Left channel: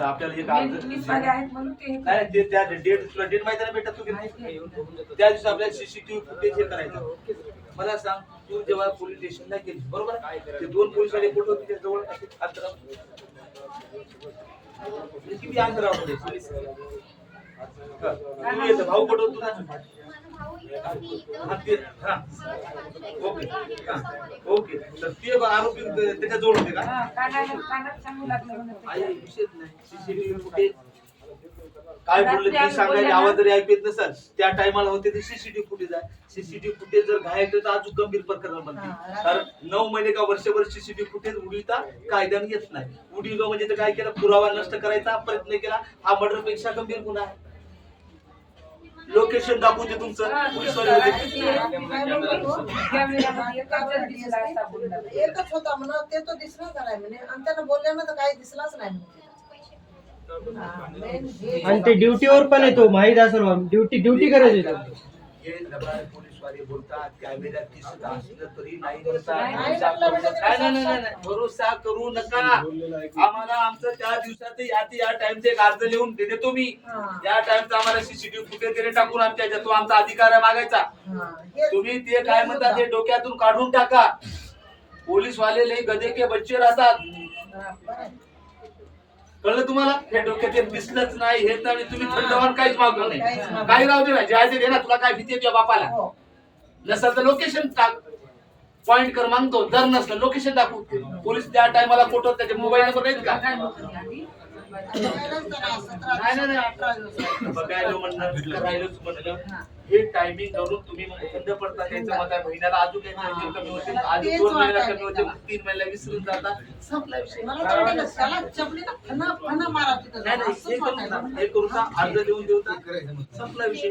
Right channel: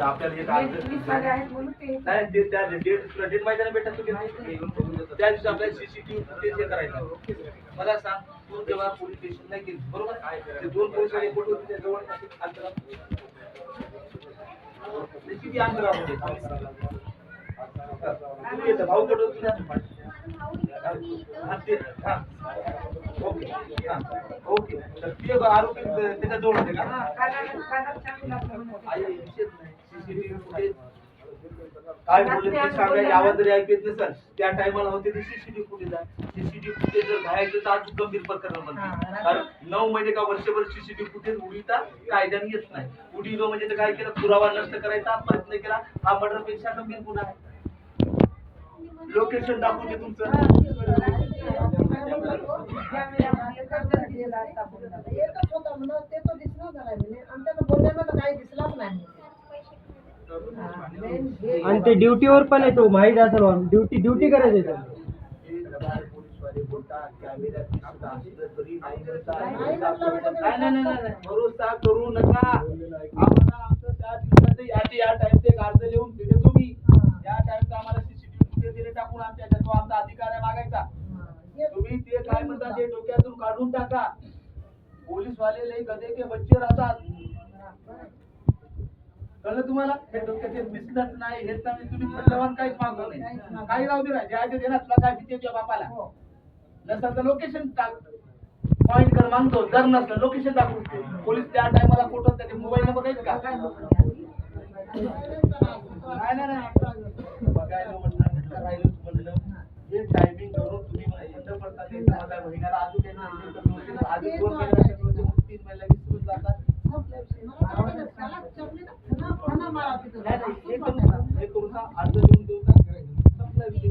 आपल्याला एक नाही ते त्या डेट तुला डेट माहिती ना बेटा तू त्या दिवशी आपल्याला सीसीटीव्ही फुटेज हे करायचं मला सांग तू जेव्हा पोलीस स्टेशनला गेली बरोबर ते दोन पोलीस वाले कुठे होते त्या जवळ अंतराव किती अंतराव तू येतं भाऊ कुठं तुला ओके ओके तर ते आरोपी त्याच्या जवळ होते का विषयच नाही सीसीटीव्ही फुटेज काय बोलले ते सांगायचे आवाज जरी ऐकत नसेल त्या टायमाला होते ते सीसीटीव्ही फुटेज आहे सीसीटीव्ही फुटेज जर घायल तर अजून गंभीर प्रकरण बनते कारण 9 महिने का वर्षभर सीसीटीव्ही फुटेज उडविता कायद्याने येत नाही उडविलो म्हणजे काय केलं पुरावा नष्ट करायचा प्रयत्न केला हा मर्डर पेक्षा गंभीर गुन्हा आहे लोकेशन दाखवून दे तुमचं एकच होता म्हणून ते तो दिसला झालाय म्हणे आणि त्यानं बोलल्यानं तर काही दिसलाच नाही आणि ते ड्युटीवर पण येतो माहित असेल ड्युटी करायची पोलीसवाले बोलतात कॅमेऱ्यात दिसत असलं तरी भरोसा करू नका आम्हाला आमचं त्या दिवसात या टाइमचे एक अर्ज लिहून देतो मी या टाइमचा आम्हाला सीसीटीव्ही फुटेज तरी टाकून आमच्या तो आमचा अधिकार आहे मागायचा तुम्ही ते काय म्हणतात ते डोक्यातून काढून टाका पोलीसवाले लय गधे के बच्चे राहतात कळलं तुम्हाला हे डोक्यात दिसलंच नाही हे तर तुम्ही थंडवान काहीच मागलं नाही काही राहू दे ना जायचं दे ना तुला काय भीती तुझ्या बापाला नसेल तर लोकेशन टाक पॉइंट कर मागतो जर नसलं लोकेशन दाखवू पोलीस त्या टायमाला फोटो त्याचे मोबाईल नंबर आहेत का बघायला म्हणलं हे टायमिंग करून तुम्ही बंद पडता त्याचं मत आहे महिन्याला अजून काही कमी होतील आधी 2 महिन्याला कमी होते 3 महिन्याला विसरून जाता संपला विषय हे करू अर्ज देऊन देऊ संपला विषय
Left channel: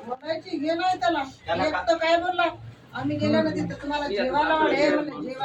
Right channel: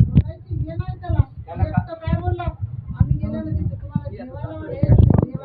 बोलायची हे नाही त्याला काय बोलला आम्ही गेल्यानंतर तुम्हाला जेवायला